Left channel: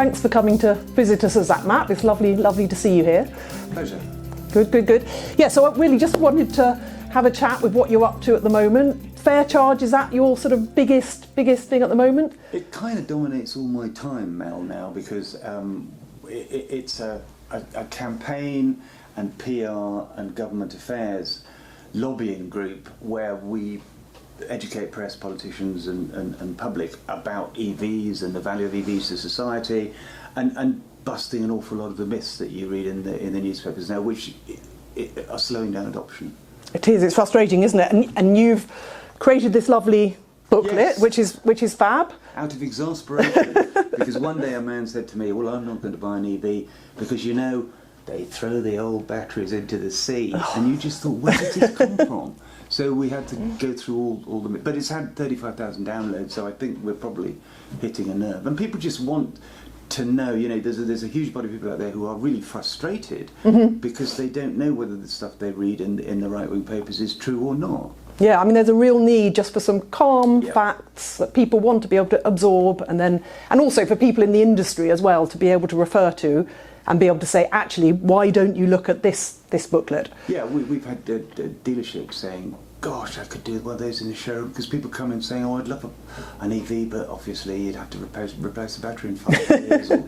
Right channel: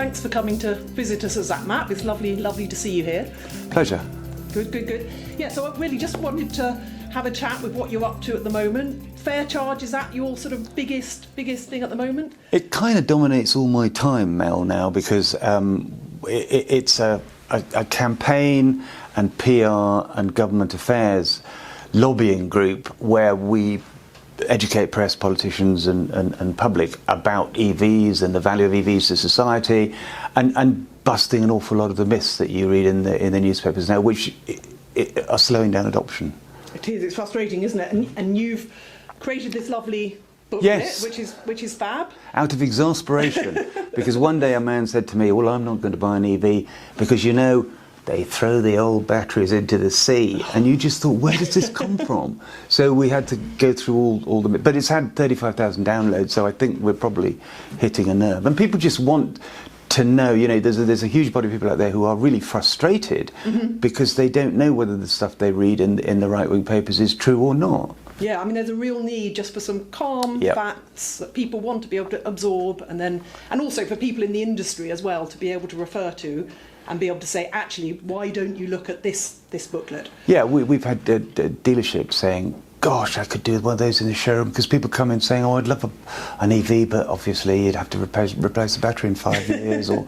thanks for coming to visit us at ZapMap. It's lovely to see you here. Pleasure. Good. Yeah, so I really just wanted to have a chat with what you're up to at the moment. FairCharge, is that your sort of biggest thing at the moment? It kind of dominates all my time, Mel, now, because it's a campaign and PR and government affairs lobbying group where we educate press, politicians and public about EVs and the value of EVs to society, and busting an awful lot of the myths that you read in the newspapers now, which are slowing down adoption. It is. It's frustrating, isn't it? And you've created this lovely booklet, yes, which is fab. Out of exasperation, because one day a man said to me, "Well, I'm not going to buy an EV because, you know, they throw the old batteries into the sea." And you just thought, where does this come from? So we had to go through all the... But it's had 35,000 downloads, so I think we're probably hitting a nerve. And people just want to know, you know, there's a huge body of people out there who are really frustrated because they don't know whether the stuff they read in the right-wing papers is true or not. Yeah, I mean, there's a real need just for some calm facts that people want to be able to absorb, and also for people in the industry as well to be able to refer to and be able to say, actually, why don't you look at this booklet? Yeah, we've had dealerships saying, gosh, I could do one of those in the showroom, because people come in saying, oh, I'd love an EV, but obviously you'd have to replace the battery in 5 years, or,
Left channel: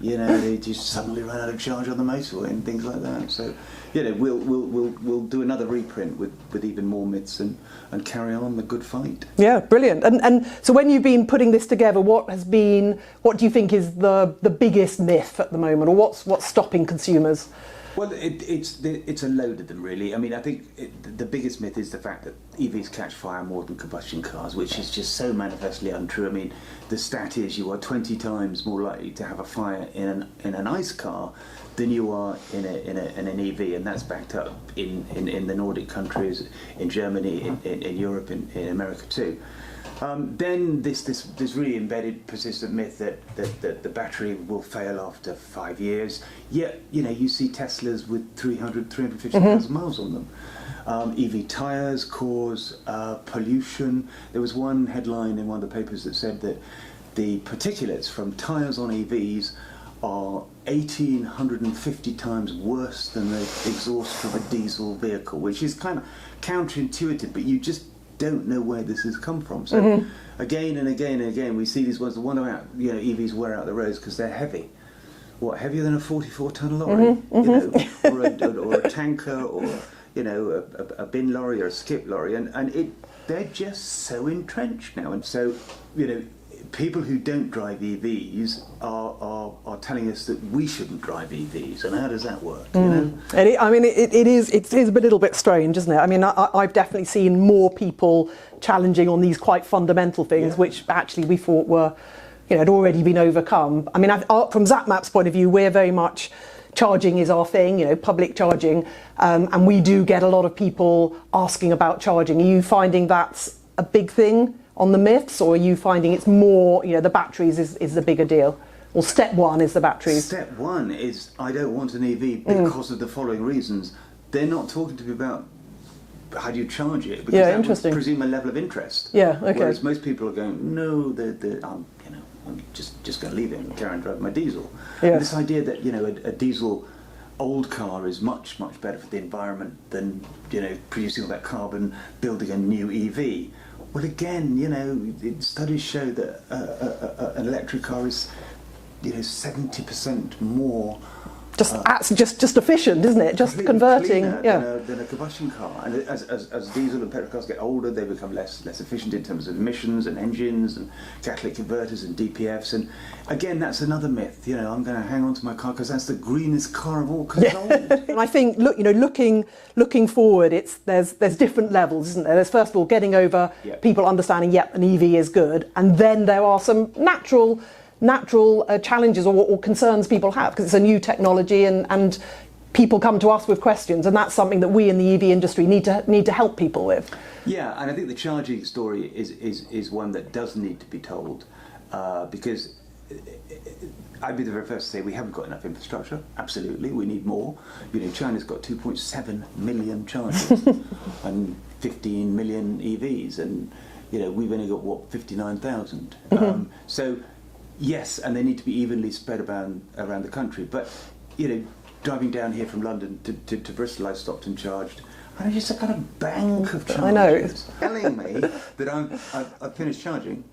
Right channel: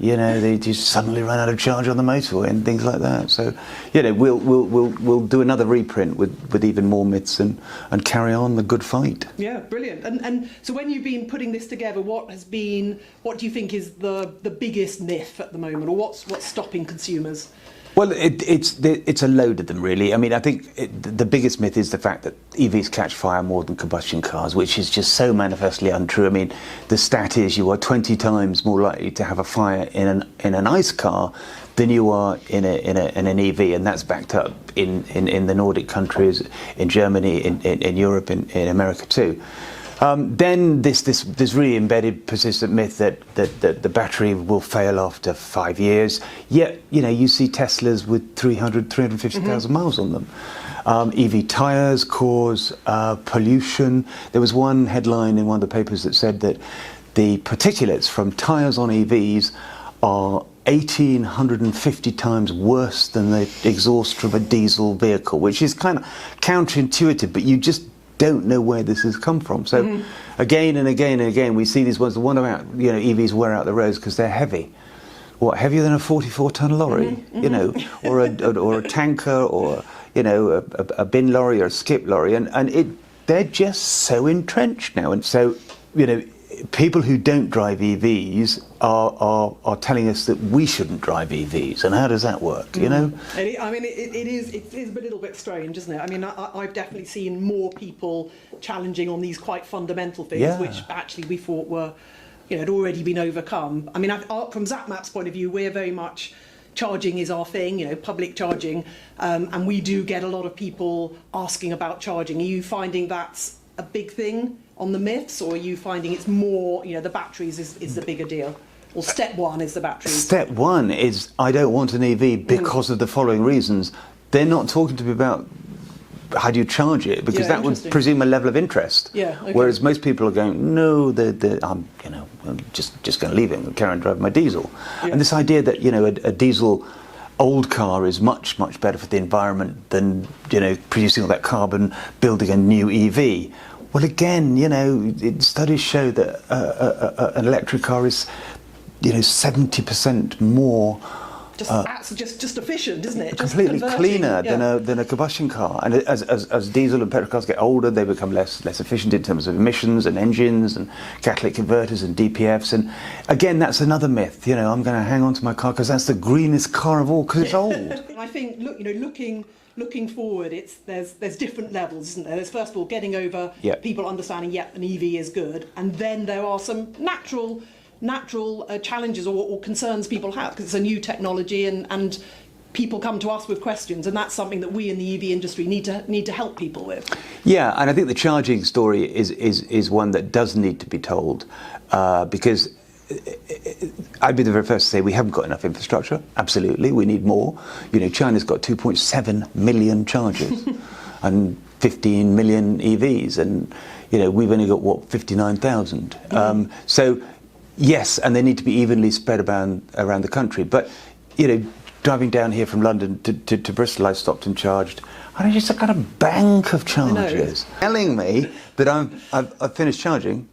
you know, they just suddenly run out of charge on the motorway and things like that. So, you know, we'll do another reprint with even more myths and carry on the good fight. Yeah, brilliant. And so when you've been putting this together, what do you think is the biggest myth at the moment, or what's stopping consumers? Well, it's a load of them, really. I mean, I think the biggest myth is the fact that EVs catch fire more than combustion cars, which is just so manifestly untrue. I mean, the stat is you are 20 times more likely to have a fire in an ICE car than you are in an EV, and that's backed up in the Nordic countries, in Germany, in Europe, in America too. Then this really embedded, persistent myth that the battery will fail after 5 years. Yet, you know, you see Teslas with 350,000 miles on them. EV tyres cause pollution. There was one headline in one of the papers that said that the particulates from tyres on EVs are 1,850 times worse than the exhaust from a diesel vehicle, which is kind of counterintuitive, but you just don't know where this has come from. So again and again and again, we see these ones. The one about, you know, EVs wear out the roads because they're heavy. What, heavier than a 44-ton lorry? You know, or a tanker, or, you know, a bin lorry or a skip lorry, and they're just so entrenched now. And so, you know, people who don't drive EVs are telling us that we shouldn't drive EVs, and how does that work? You know, I mean, it is a little bit strange, isn't it? I mean, I've definitely seen more people challenging on these quite fundamental things, which actually we thought were, you know, had already been overcome. I mean, from ZapMap's point of view, we're very much charging is our thing, you know, public charging, and we do get a lot of people asking about charging. Are you finding that's a big thing on the myths, or are you finding it's more, you know, the batteries is the bigger deal? Or step one is the batteries? Step one is, I don't want an EV because of the following reasons. They're not talking to me about how do you charge it, because that would presume a level of interest. Yeah, okay. Whereas most people are going, no, I'm just going to leave it and carry on driving my diesel. Yeah. And this idea that, you know, a diesel old car is much better for the environment than, you know, producing all that carbon, building a new EV. Well, again, you know, studies show that an electric car is, you know, 70% more just efficient, isn't it? Just completely converting, cleaner than a combustion car. And as diesel and petrol cars get older, they become less efficient in terms of emissions and engines and catalytic converters and DPFs. And again, that's another myth. You know, I'm going to hang on to my car because that's the greenest car of all because it's old. And I think, look, you know, looking forward, there's different levels, isn't there? There's first of all getting over people understanding, an EV is good, and then there are some natural challenges or concerns people have because it's a new technology, and people come to us with questions, and that's something that we in the EV industry need to help people with. Yeah, and I think the charging story is one that does need to be told, because I'd be the very first to say we haven't got enough infrastructure. Absolutely, we need more. You know, China's got 2.7 million chargers and 15 million EVs, and, you know, we've only got, what, 59,000. So Yes, and they need to be evenly spread around the country. But, you know, driving down here from London to Bristol, I stopped and charged. And I just got a bank of charges telling me that I've finished charging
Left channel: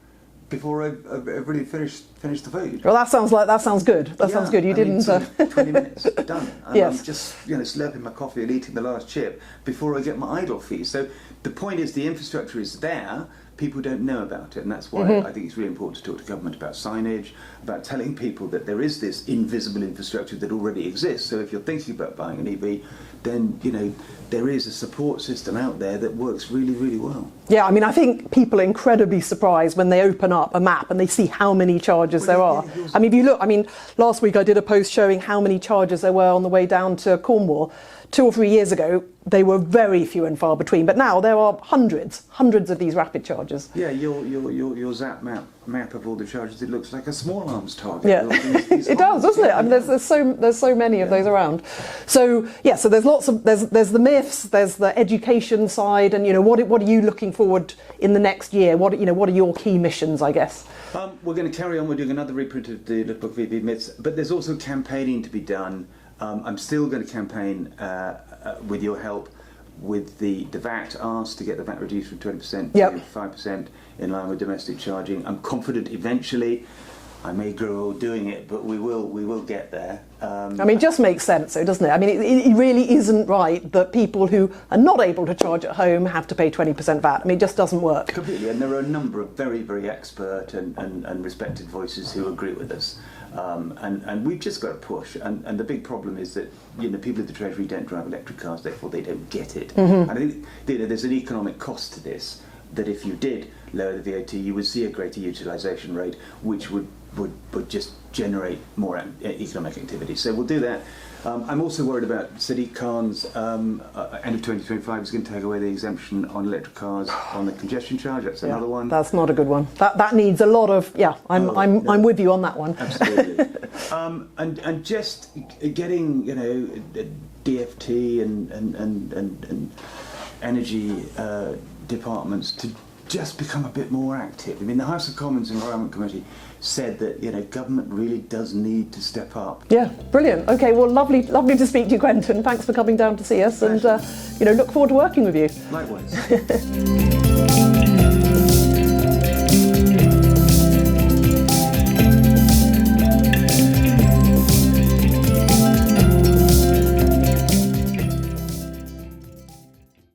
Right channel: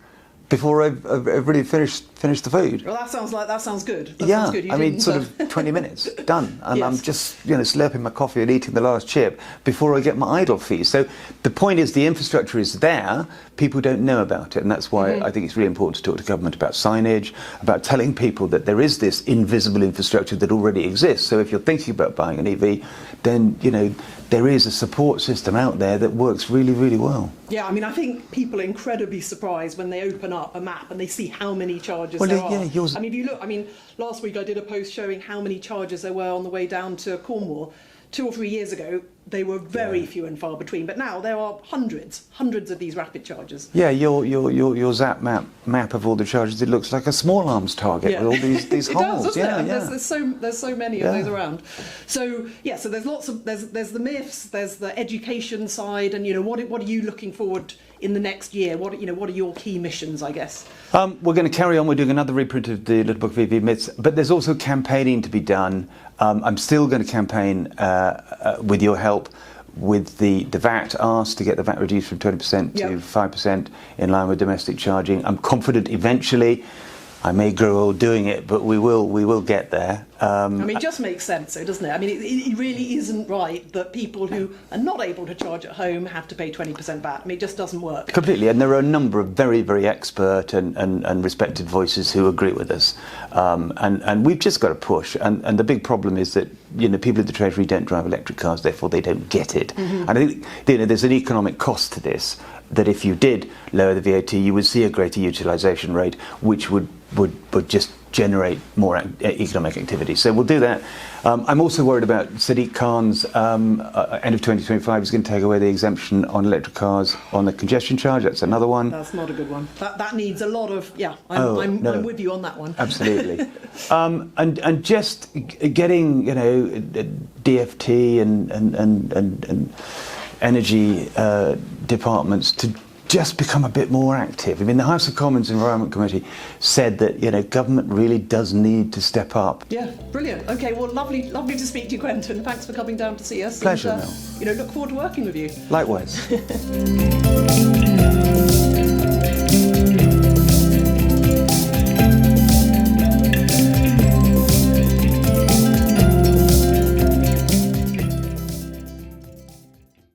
before I've really finished the food. Well, that sounds good. That sounds good. I mean, sort of 20 minutes, done. And yes. I'm just, you know, slurping my coffee and eating the last chip before I get my idle fee. So the point is the infrastructure is there, people don't know about it, and that's why I think it's really important to talk to government about signage, about telling people that there is this invisible infrastructure that already exists. So if you're thinking about buying an EV, then, you know, there is a support system out there that works really, really well. Yeah, I mean, I think people are incredibly surprised when they open up a map and they see how many charges there are. Yeah, I mean, if you look, I mean, last week I did a post showing how many charges there were on the way down to Cornwall. 2 or 3 years ago, they were very few and far between, but now there are hundreds of these rapid chargers. Yeah, your Zap map of all the charges, it looks like a small arms target. Yeah. With all these It holes. does, doesn't it? I mean, there's so many of those around. So yeah, so there's lots of there's the myths, there's the education side, and you know what are you looking forward in the next year? What are your key missions, I guess? We're going to carry on. We're doing another reprint of the Little Book of EV Myths, but there's also campaigning to be done. I'm still going to campaign with your help with the VAT, ask to get the VAT reduced from 20% to 5% in line with domestic charging. I'm confident eventually, I may grow old doing it, but we will get there. I mean, it just makes sense, though, doesn't it? I mean, it really isn't right that people who are not able to charge at home have to pay 20% VAT. I mean, it just doesn't work. Completely, and there are a number of very, very expert and respected voices who agree with us. And we've just got to push. And the big problem is that, you know, people in the Treasury don't drive electric cars, therefore they don't get it. And I think, you know, there's an economic cost to this, that if you did lower the VAT, you would see a greater utilisation rate, which would just generate more economic activity. So we'll do that. I'm also worried about Sadiq Khan's end of 2025 is going to take away the exemption on electric cars on the congestion charge. That's another one. That's not a good one. That needs a lot of I'm with you on that one. Absolutely. and just getting, you know, DFT and energy departments to just become a bit more active. I mean, the House of Commons Environment Committee said that, you know, government really does need to step up. Yeah, brilliant. Okay, well, lovely to speak to you, Quentin. Thanks for coming down to see us. Pleasure. And, you know, look forward to working with you. Likewise.